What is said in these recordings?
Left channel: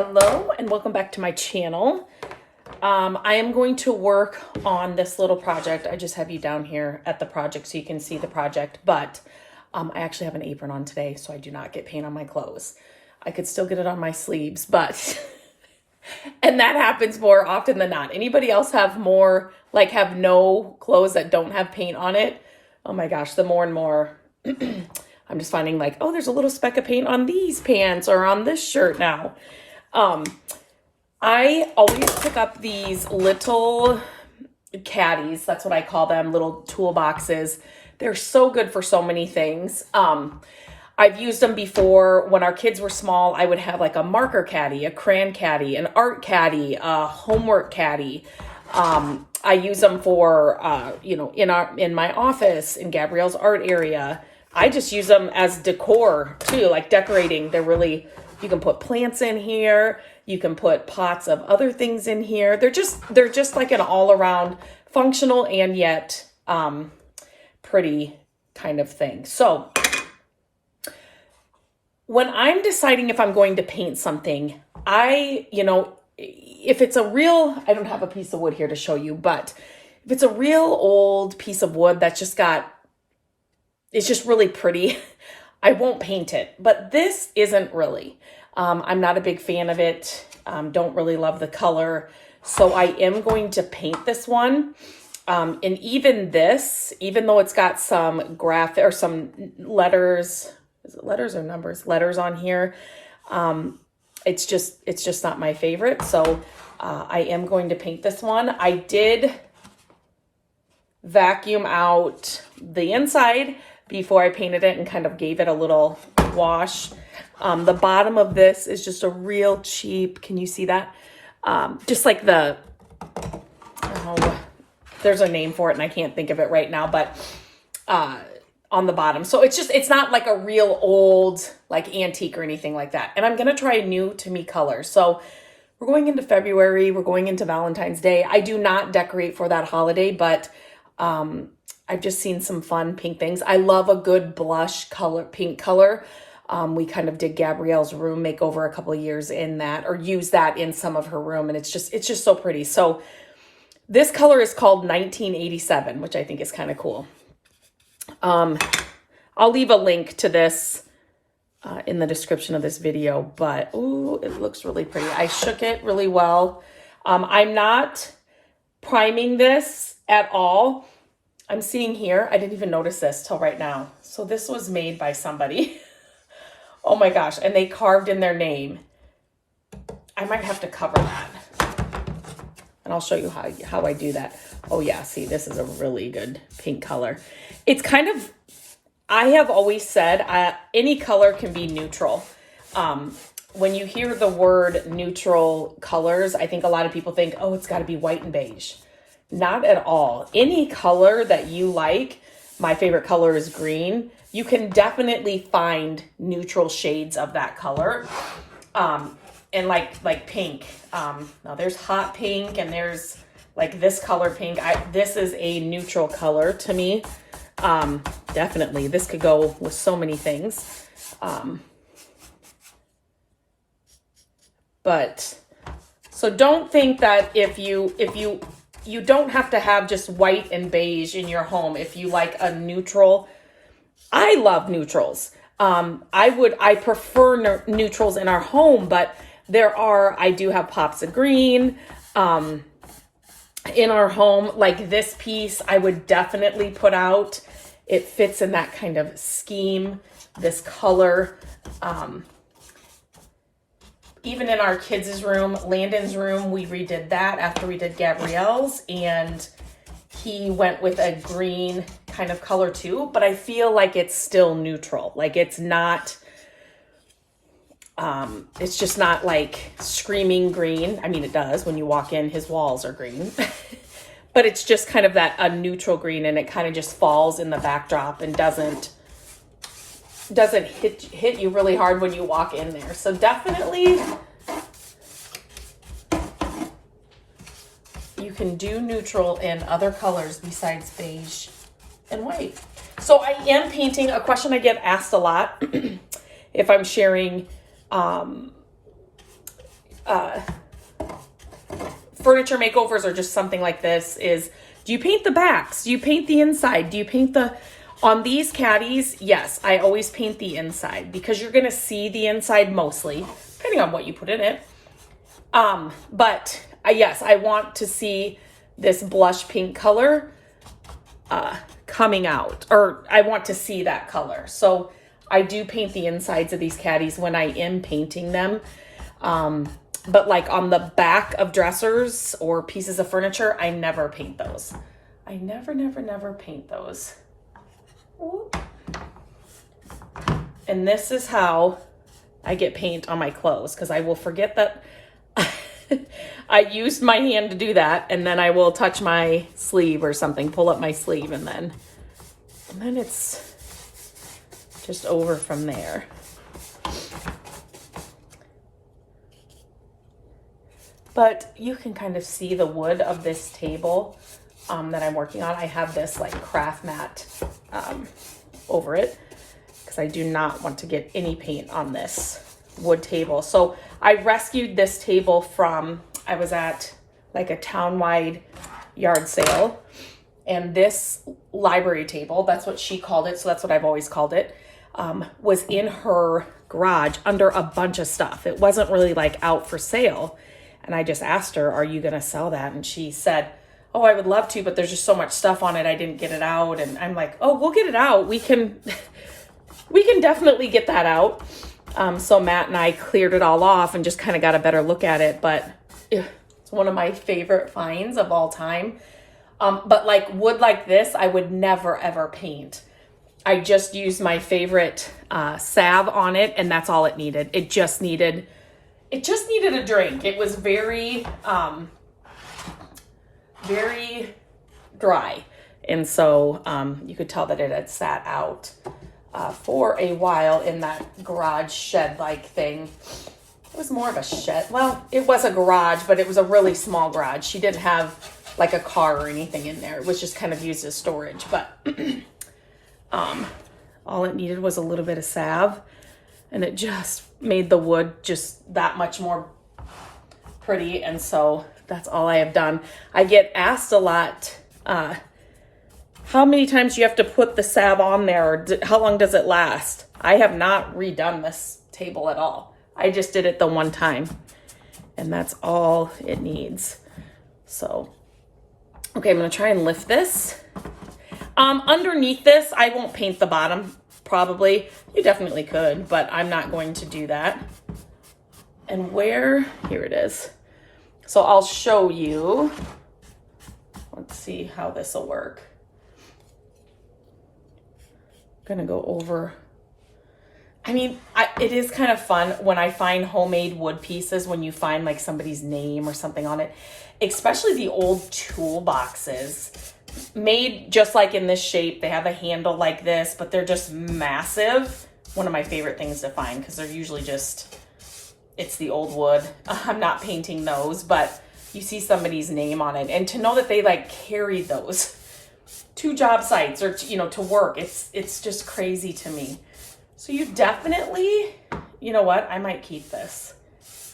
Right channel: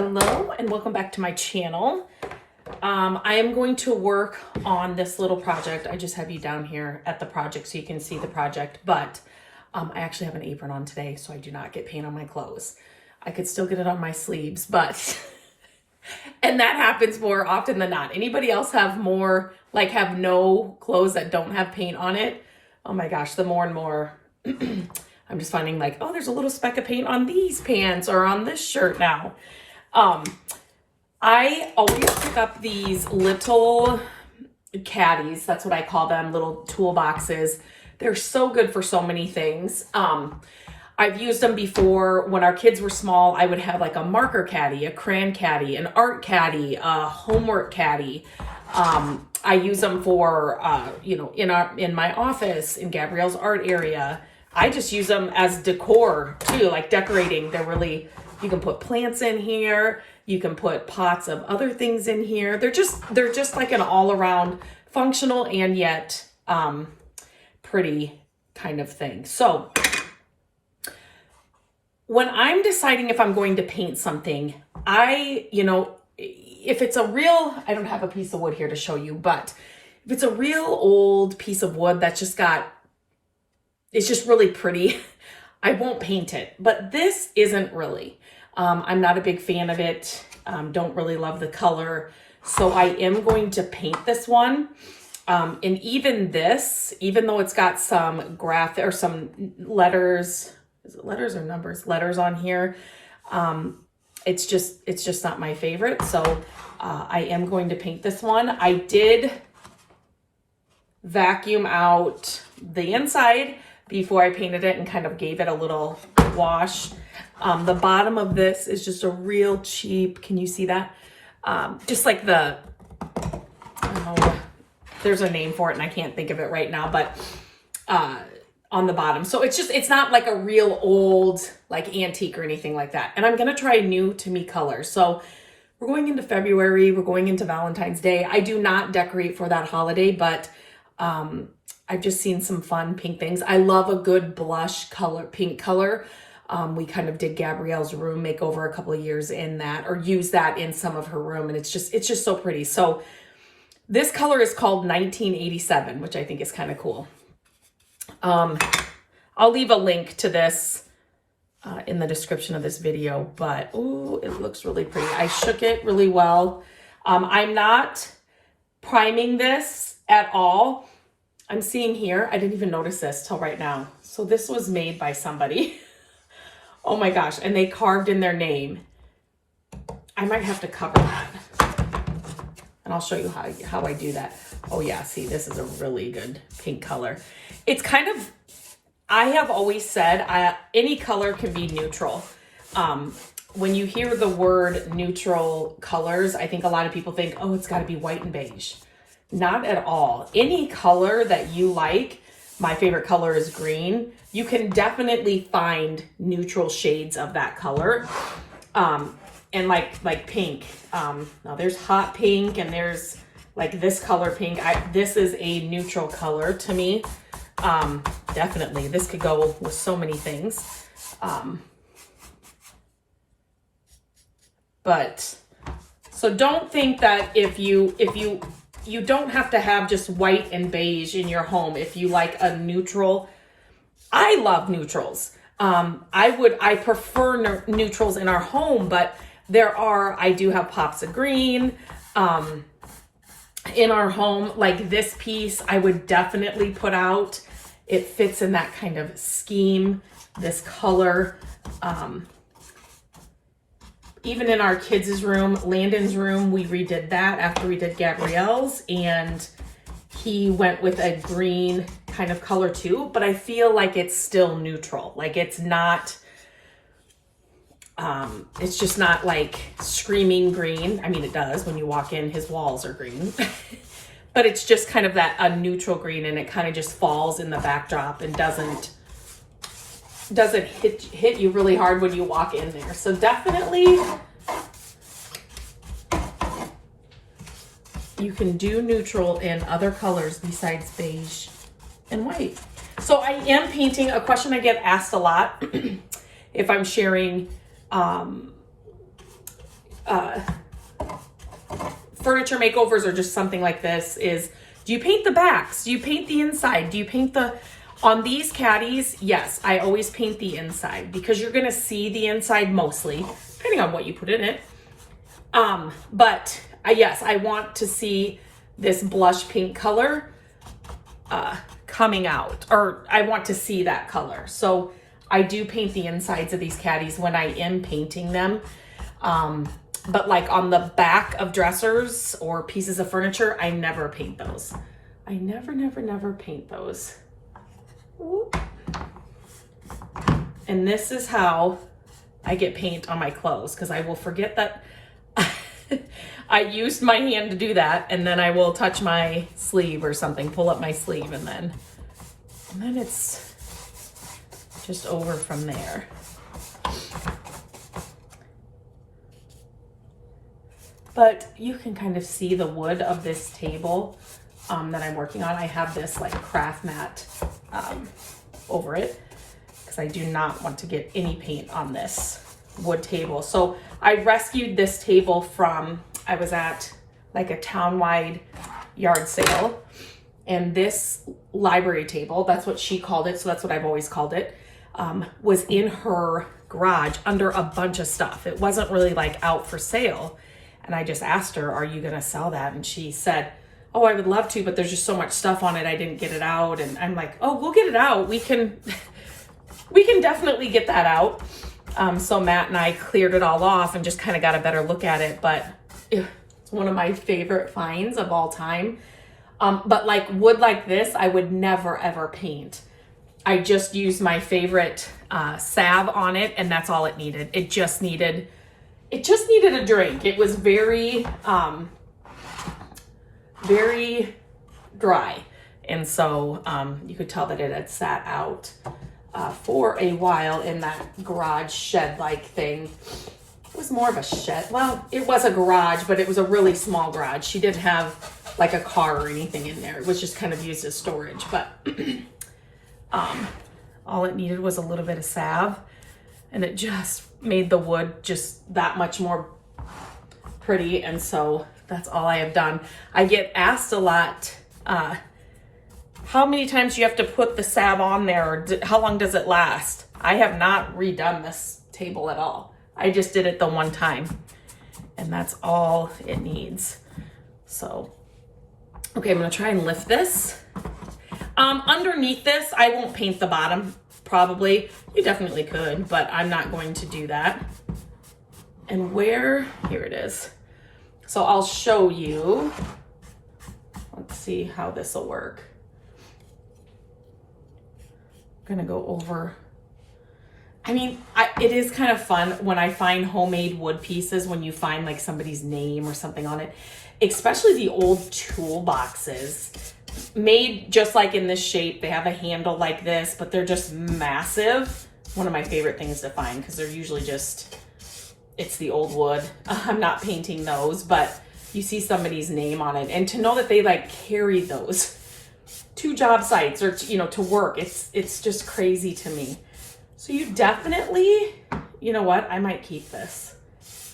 Hello and welcome back to my channel. I am going to work on this little project. I just have you down here at the project so you can see the project, but I actually have an apron on today, so I do not get paint on my clothes. I could still get it on my sleeves, but, and that happens more often than not. Anybody else have more, like have no clothes that don't have paint on it? Oh my gosh, the more and more I'm just finding like, oh, there's a little speck of paint on these pants or on this shirt now. I always pick up these little caddies. That's what I call them, little toolboxes. They're so good for so many things. I've used them before. When our kids were small, I would have like a marker caddy, a crayon caddy, an art caddy, a homework caddy. I use them for, in my office, in Gabrielle's art area. I just use them as decor too, like decorating. They're really, you can put plants in here. You can put pots of other things in here. They're just like an all around functional and yet pretty kind of thing. So when I'm deciding if I'm going to paint something, if it's a real, I don't have a piece of wood here to show you, but if it's a real old piece of wood that's just got, it's just really pretty, I won't paint it. But this isn't really. I'm not a big fan of it. Don't really love the color. So I am going to paint this one. And even this, even though it's got some graphic or some letters, is it letters or numbers? Letters on here. It's just not my favorite. So I am going to paint this one. I did vacuum out the inside before I painted it and kind of gave it a little wash. The bottom of this is just a real cheap, can you see that? Just like the, there's a name for it and I can't think of it right now, but on the bottom. So it's not like a real old, like antique or anything like that. And I'm going to try a new to me color. So we're going into February, we're going into Valentine's Day. I do not decorate for that holiday, but I've just seen some fun pink things. I love a good blush color, pink color. We kind of did Gabrielle's room makeover a couple of years in that, or used that in some of her room. And it's just so pretty. So this color is called 1987, which I think is kind of cool. I'll leave a link to this in the description of this video, but ooh, it looks really pretty. I shook it really well. I'm not priming this at all. I'm seeing here, I didn't even notice this till right now. So this was made by somebody. Oh my gosh, and they carved in their name. I might have to cover that. And I'll show you how I do that. Oh yeah, see, this is a really good pink color. It's kind of, I have always said, any color can be neutral. When you hear the word neutral colors, I think a lot of people think, oh, it's gotta be white and beige. Not at all. Any color that you like, my favorite color is green. You can definitely find neutral shades of that color. And like pink. Now there's hot pink and there's like this color pink. This is a neutral color to me. Definitely. This could go with so many things. But so don't think that if you don't have to have just white and beige in your home. If you like a neutral, I love neutrals. I prefer neutrals in our home, but I do have pops of green in our home. Like this piece, I would definitely put out. It fits in that kind of scheme, this color. Even in our kids' room, Landon's room, we redid that after we did Gabrielle's, and he went with a green kind of color too, but I feel like it's still neutral. Like it's not, it's just not like screaming green. I mean, it does when you walk in, his walls are green, but it's just kind of a neutral green, and it kind of just falls in the backdrop and doesn't hit you really hard when you walk in there. So definitely you can do neutral in other colors besides beige and white. So I am painting, a question I get asked a lot if I'm sharing furniture makeovers or just something like this is, do you paint the backs? Do you paint the inside? Do you paint on these caddies? Yes, I always paint the inside because you're gonna see the inside mostly, depending on what you put in it. But yes, I want to see this blush pink color coming out, or I want to see that color. So I do paint the insides of these caddies when I am painting them. But like on the back of dressers or pieces of furniture, I never paint those. I never paint those. Whoop. And this is how I get paint on my clothes, because I will forget that I used my hand to do that, and then I will touch my sleeve or something, pull up my sleeve, and then it's just over from there. But you can kind of see the wood of this table that I'm working on. I have this like craft mat over it because I do not want to get any paint on this wood table. So I rescued this table from, I was at like a townwide yard sale, and this library table, that's what she called it, so that's what I've always called it, was in her garage under a bunch of stuff. It wasn't really like out for sale. And I just asked her, are you gonna sell that? And she said, oh, I would love to, but there's just so much stuff on it, I didn't get it out. And I'm like, oh, we'll get it out. We can definitely get that out. So Matt and I cleared it all off and just kind of got a better look at it. But it's one of my favorite finds of all time. But like wood like this, I would never ever paint. I just used my favorite salve on it, and that's all it needed. It just needed a drink. It was very dry. And so you could tell that it had sat out for a while in that garage shed-like thing. It was more of a shed. Well, it was a garage, but it was a really small garage. She didn't have like a car or anything in there. It was just kind of used as storage. But all it needed was a little bit of salve, and it just made the wood just that much more pretty. And so that's all I have done. I get asked a lot, how many times do you have to put the salve on there, or how long does it last? I have not redone this table at all. I just did it the one time, and that's all it needs. So, okay, I'm gonna try and lift this. Underneath this, I won't paint the bottom, probably. You definitely could, but I'm not going to do that. And here it is. So I'll show you. Let's see how this will work. I'm gonna go over. I mean, it is kind of fun when I find homemade wood pieces, when you find like somebody's name or something on it, especially the old toolboxes. Made just like in this shape. They have a handle like this, but they're just massive. One of my favorite things to find, because they're usually just, it's the old wood. I'm not painting those, but you see somebody's name on it. And to know that they like carry those to job sites or to work, it's just crazy to me. So you definitely, you know what? I might keep this.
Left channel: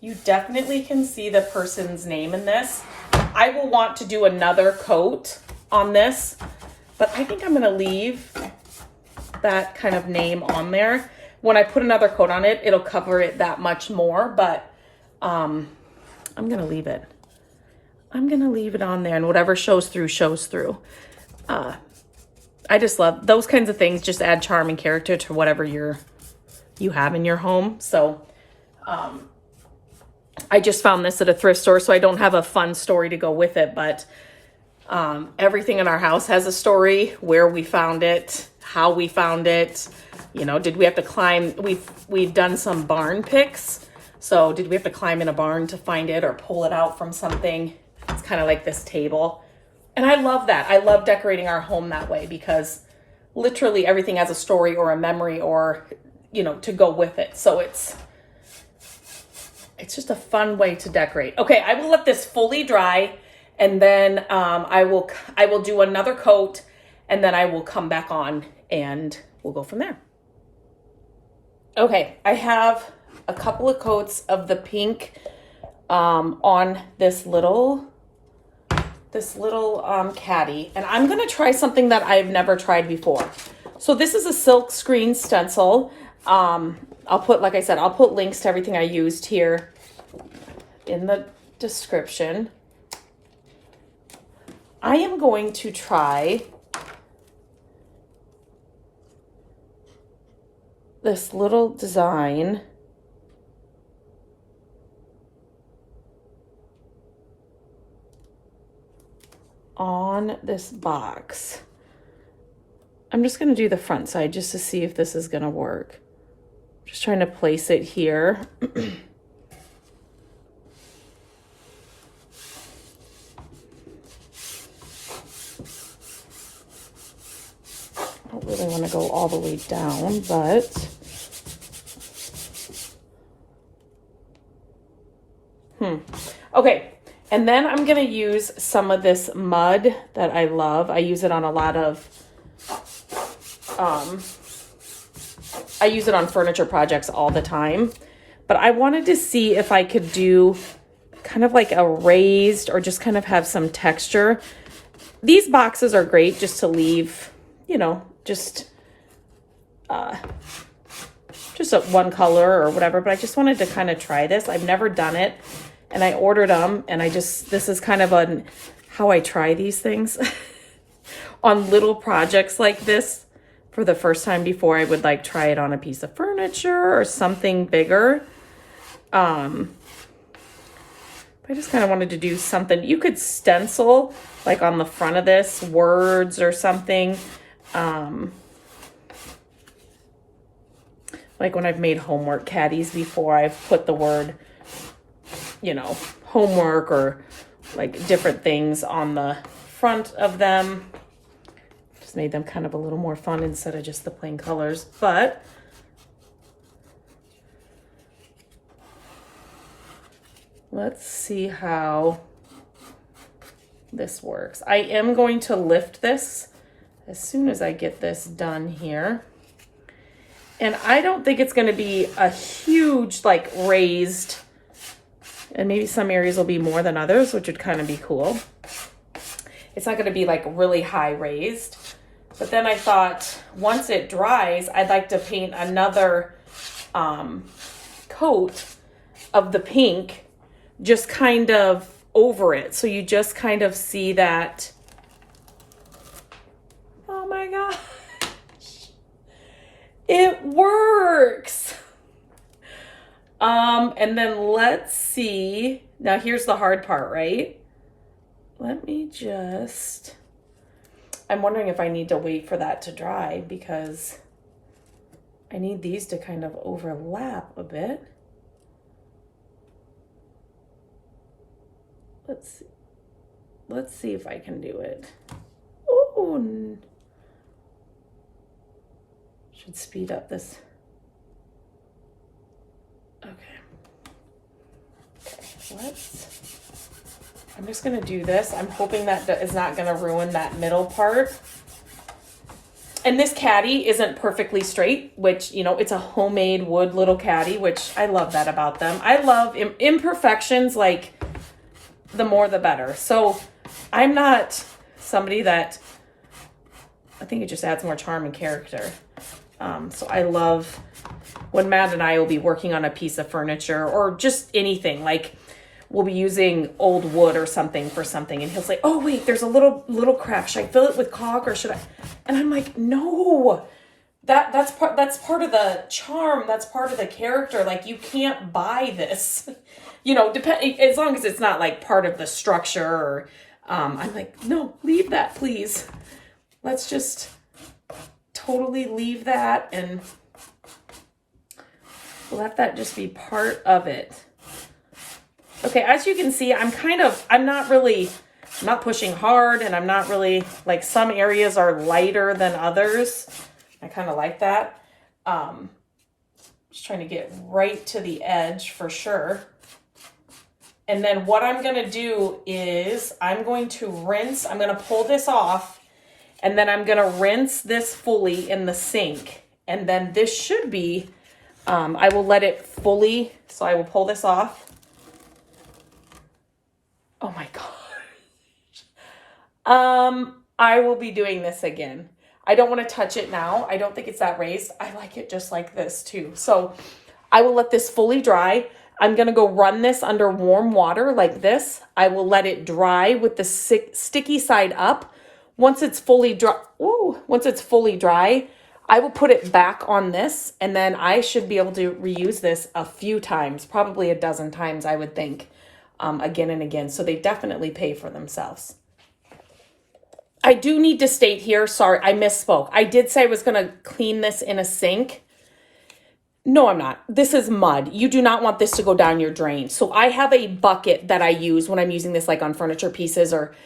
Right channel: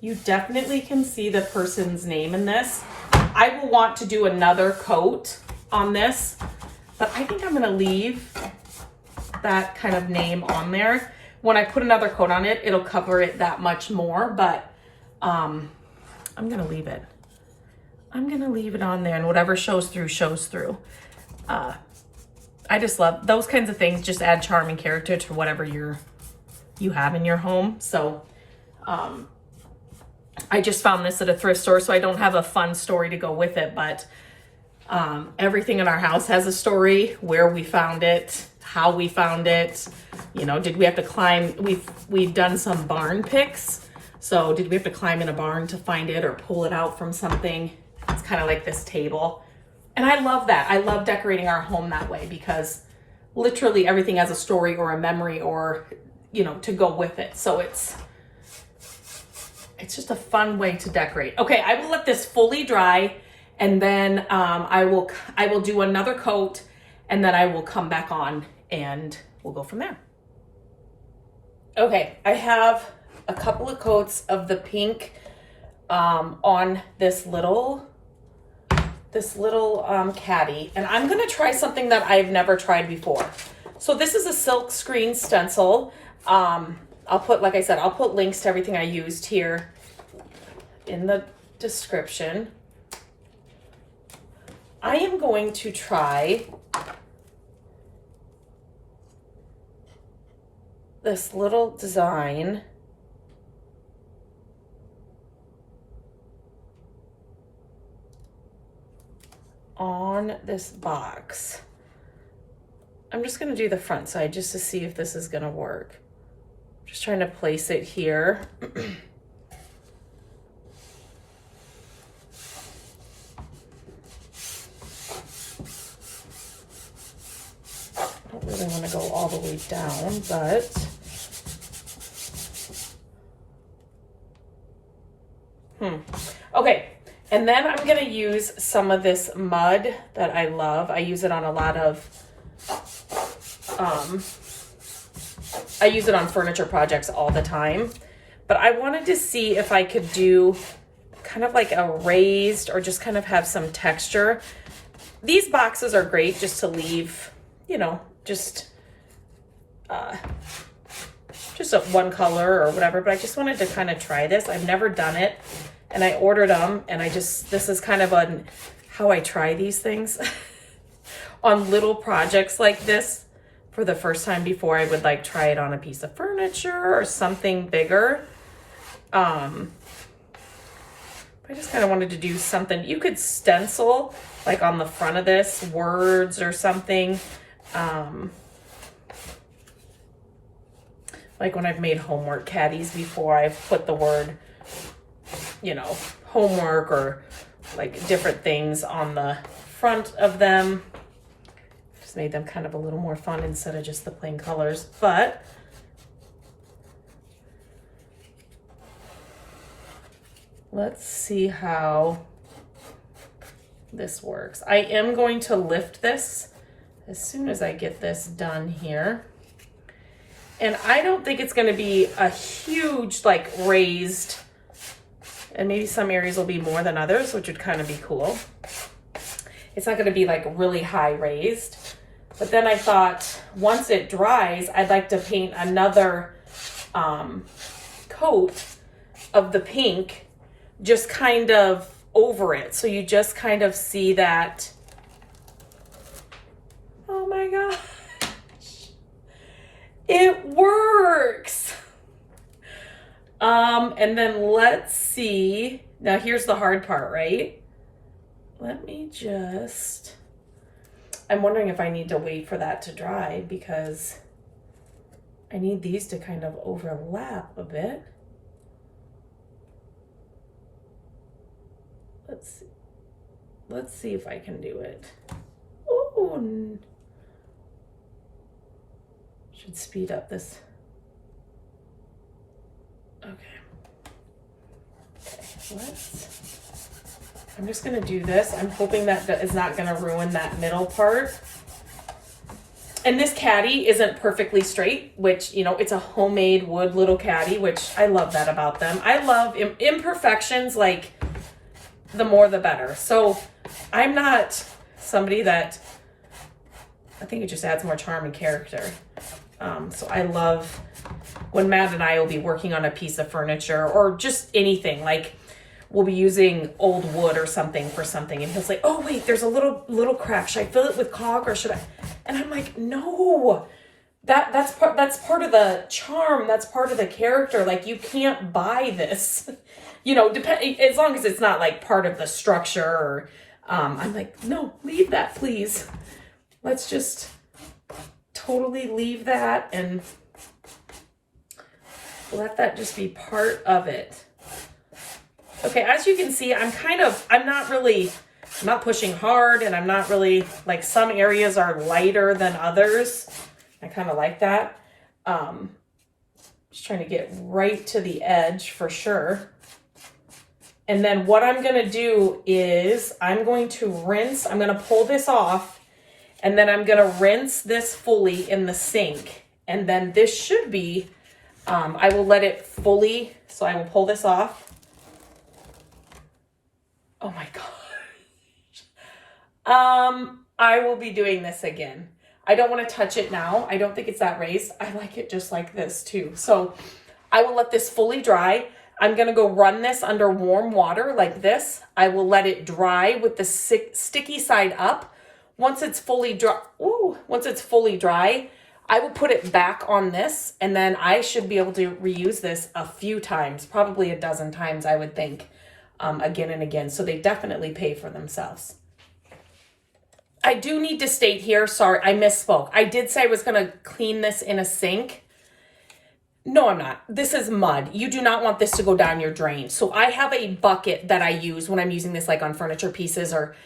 You definitely can see the person's name in this. I will want to do another coat on this, but I think I'm gonna leave that kind of name on there. When I put another coat on it, it'll cover it that much more, but I'm gonna leave it. I'm gonna leave it on there, and whatever shows through, shows through. I just love those kinds of things, just add charm and character to whatever you have in your home. So I just found this at a thrift store, so I don't have a fun story to go with it, but everything in our house has a story, where we found it, how we found it, did we have to climb, we've done some barn picks. So did we have to climb in a barn to find it or pull it out from something? It's kind of like this table. And I love that. I love decorating our home that way, because literally everything has a story or a memory or, to go with it. So it's just a fun way to decorate. Okay, I will let this fully dry, and then I will do another coat, and then I will come back on and we'll go from there. Okay, I have a couple of coats of the pink on this little caddy, and I'm gonna try something that I've never tried before. So this is a silk screen stencil. I'll put, like I said, I'll put links to everything I used here in the description. I am going to try this little design on this box. I'm just going to do the front side just to see if this is going to work. Just trying to place it here. I don't really want to go all the way down, but okay. And then I'm going to use some of this mud that I love. I use it on a lot of, I use it on furniture projects all the time. But I wanted to see if I could do kind of like a raised or just kind of have some texture. These boxes are great just to leave, you know, just one color or whatever. But I just wanted to kind of try this. I've never done it. And I ordered them, and this is kind of how I try these things on little projects like this for the first time before I would like try it on a piece of furniture or something bigger. I just kind of wanted to do something. You could stencil like on the front of this words or something. Like when I've made homework caddies before, I've put the word, you know, homework or like different things on the front of them. Just made them kind of a little more fun instead of just the plain colors. But let's see how this works. I am going to lift this as soon as I get this done here. And I don't think it's going to be a huge like raised, and maybe some areas will be more than others, which would kind of be cool. It's not going to be like really high raised. But then I thought once it dries, I'd like to paint another coat of the pink just kind of over it. So you just kind of see that. Oh my gosh. It works. And then let's see. Now here's the hard part, right? Let me just, I'm wondering if I need to wait for that to dry because I need these to kind of overlap a bit. Let's see if I can do it. Oh, should speed up this. Okay. I'm just gonna do this. I'm hoping that is not gonna ruin that middle part. And this caddy isn't perfectly straight, which, you know, it's a homemade wood little caddy, which I love that about them. I love imperfections, like the more the better. So I'm not somebody that, I think it just adds more charm and character. So I love when Matt and I will be working on a piece of furniture or just anything, like we'll be using old wood or something for something, and he'll say, oh wait, there's a little crack, should I fill it with caulk or should I? And I'm like, no, that's part of the charm, that's part of the character. Like you can't buy this, you know, as long as it's not like part of the structure or I'm like, no, leave that please. Let's just totally leave that and let that just be part of it. Okay, as you can see, I'm not pushing hard, and I'm not really, like, some areas are lighter than others. I kind of like that. Just trying to get right to the edge for sure. And then what I'm going to do is I'm going to rinse, I'm going to pull this off, and then I'm going to rinse this fully in the sink. And then this should be, I will let it fully, so I will pull this off. Oh my gosh. I will be doing this again. I don't want to touch it now. I don't think it's that raised. I like it just like this too. So I will let this fully dry. I'm going to go run this under warm water like this. I will let it dry with the sticky side up. Once it's fully dry, I will put it back on this, and then I should be able to reuse this a few times, probably a dozen times, I would think, again and again. So they definitely pay for themselves. I do need to state here, sorry, I misspoke. I did say I was going to clean this in a sink. No, I'm not. This is mud. You do not want this to go down your drain. So I have a bucket that I use when I'm using this like on furniture pieces, or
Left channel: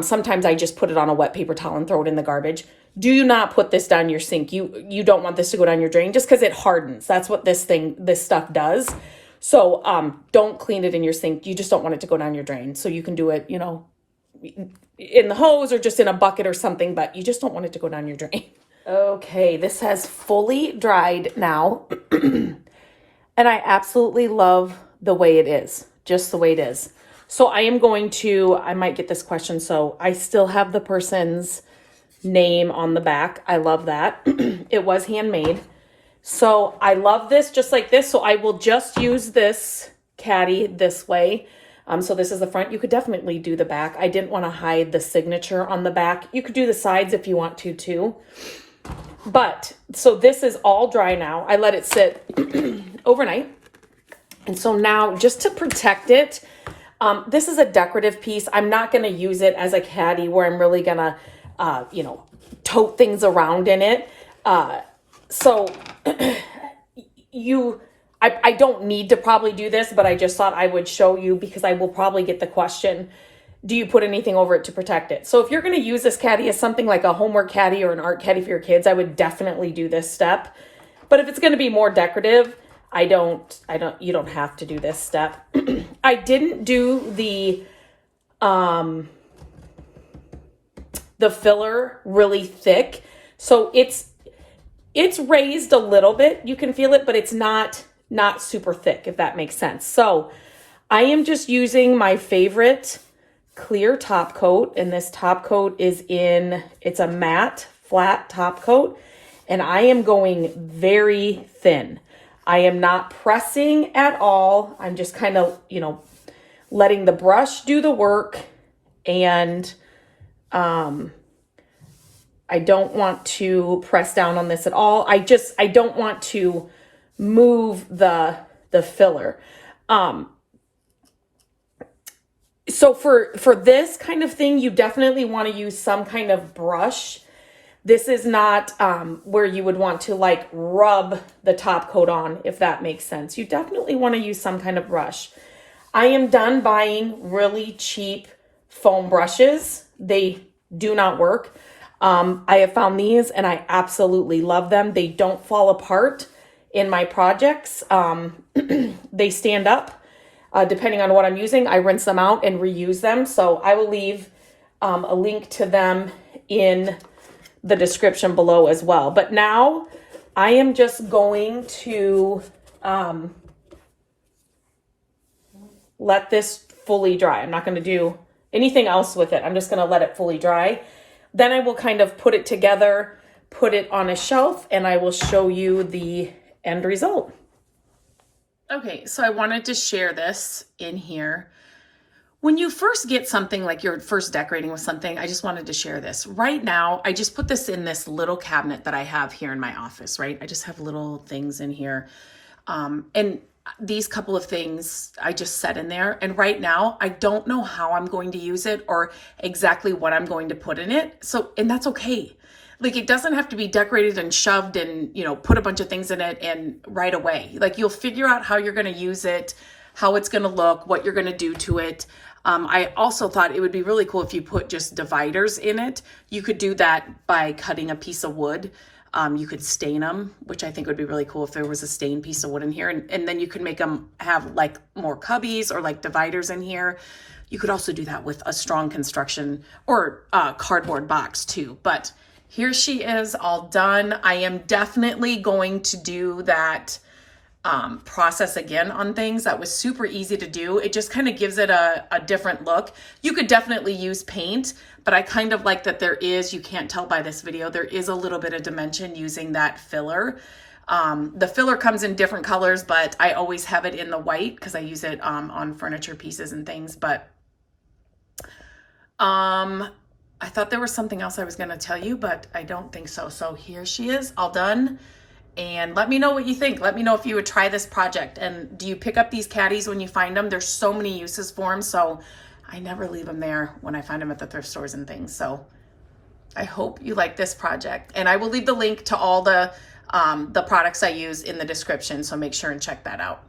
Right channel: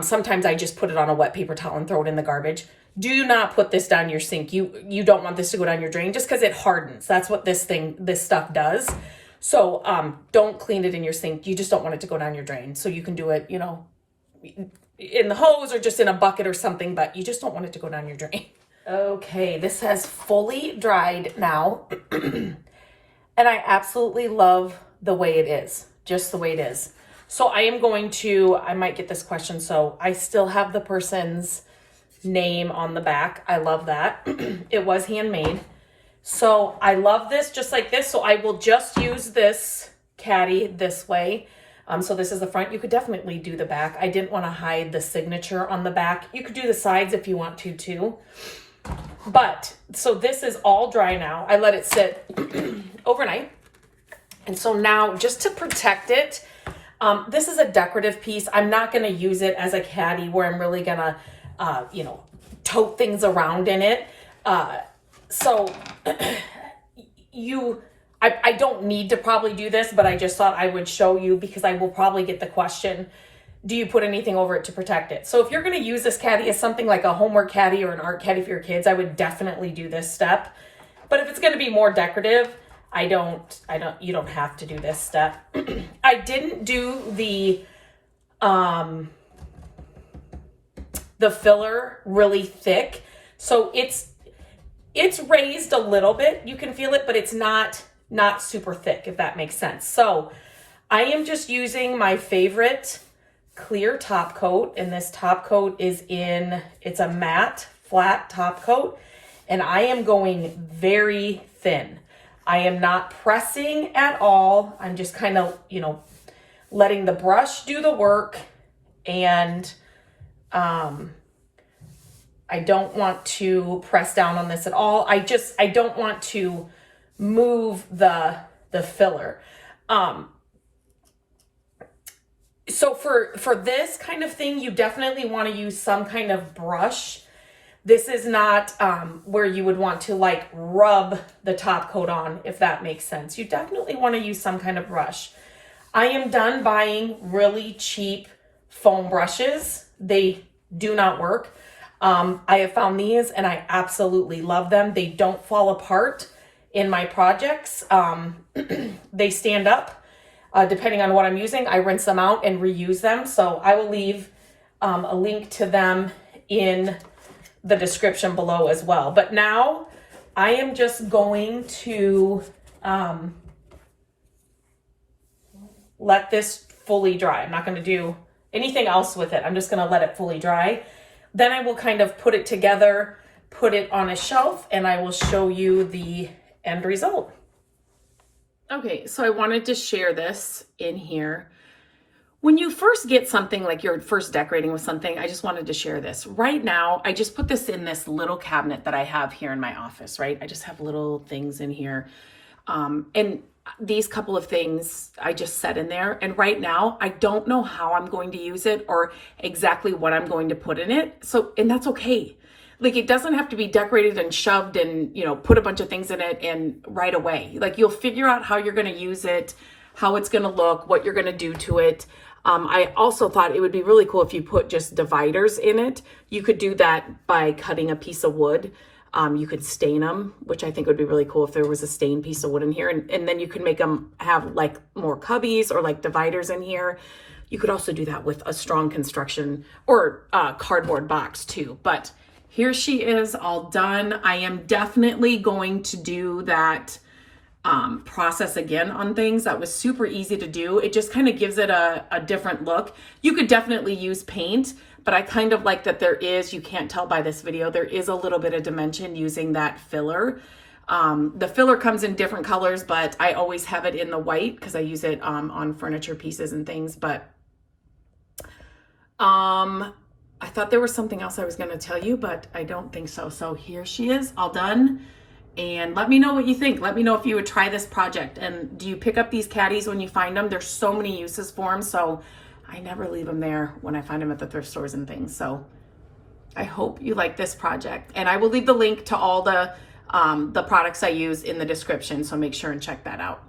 sometimes I just put it on a wet paper towel and throw it in the garbage. Do not put this down your sink. You don't want this to go down your drain just because it hardens. That's what this stuff does. So don't clean it in your sink. You just don't want it to go down your drain. So you can do it, you know, in the hose or just in a bucket or something, but you just don't want it to go down your drain. Okay, this has fully dried now, and I absolutely love the way it is, just the way it is. So I might get this question, so I still have the person's name on the back. I love that. It was handmade. So I love this just like this. So I will just use this Caddy this way. So this is the front. You could definitely do the back. I didn't want to hide the signature on the back. You could do the sides if you want to too. But so this is all dry now. I let it sit overnight. And so now just to protect it, this is a decorative piece. I'm not going to use it as a Caddy where I'm really going to, tote things around in it. So I don't need to probably do this, but I just thought I would show you because I will probably get the question, do you put anything over it to protect it? So if you're going to use this Caddy as something like a homework Caddy or an art Caddy for your kids, I would definitely do this step. But if it's going to be more decorative, you don't have to do this step. I didn't do the filler really thick. So it's raised a little bit. You can feel it, but it's not super thick, if that makes sense. So I am just using my favorite clear top coat, and this top coat it's a matte flat top coat, and I am going very thin. I am not pressing at all. I'm just kind of, letting the brush do the work, and I don't want to press down on this at all. I don't want to move the filler. So for this kind of thing, you definitely want to use some kind of brush. This is not where you would want to like rub the top coat on, if that makes sense. You definitely want to use some kind of brush. I am done buying really cheap foam brushes. They do not work. I have found these and I absolutely love them. They don't fall apart in my projects. They stand up. Depending on what I'm using, I rinse them out and reuse them. So I will leave a link to them in the description below as well. But now I am just going to let this fully dry. I'm not going to do anything else with it. I'm just going to let it fully dry. Then I will kind of put it together, put it on a shelf, and I will show you the end result. Okay, so I wanted to share this in here. When you first get something, like you're first decorating with something, I just wanted to share this. Right now, I just put this in this little cabinet that I have here in my office, right? I just have little things in here. And these couple of things I just set in there. And right now, I don't know how I'm going to use it or exactly what I'm going to put in it. So, and that's okay. Like, it doesn't have to be decorated and shoved and, put a bunch of things in it and right away. Like, you'll figure out how you're going to use it, how it's going to look, what you're going to do to it. I also thought it would be really cool if you put just dividers in it. You could do that by cutting a piece of wood. You could stain them, which I think would be really cool if there was a stained piece of wood in here. And then you could make them have like more cubbies or like dividers in here. You could also do that with a strong construction or cardboard box too. But here she is all done. I am definitely going to do that process again on things. That was super easy to do. It just kind of gives it a different look. You could definitely use paint, but I kind of like that there is, you can't tell by this video, there is a little bit of dimension using that filler. The filler comes in different colors, but I always have it in the white because I use it on furniture pieces and things. But I thought there was something else I was going to tell you, but I don't think so. So here she is, all done. And let me know what you think. Let me know if you would try this project. And do you pick up these caddies when you find them? There's so many uses for them. So I never leave them there when I find them at the thrift stores and things. So I hope you like this project. And I will leave the link to all the products I use in the description. So make sure and check that out.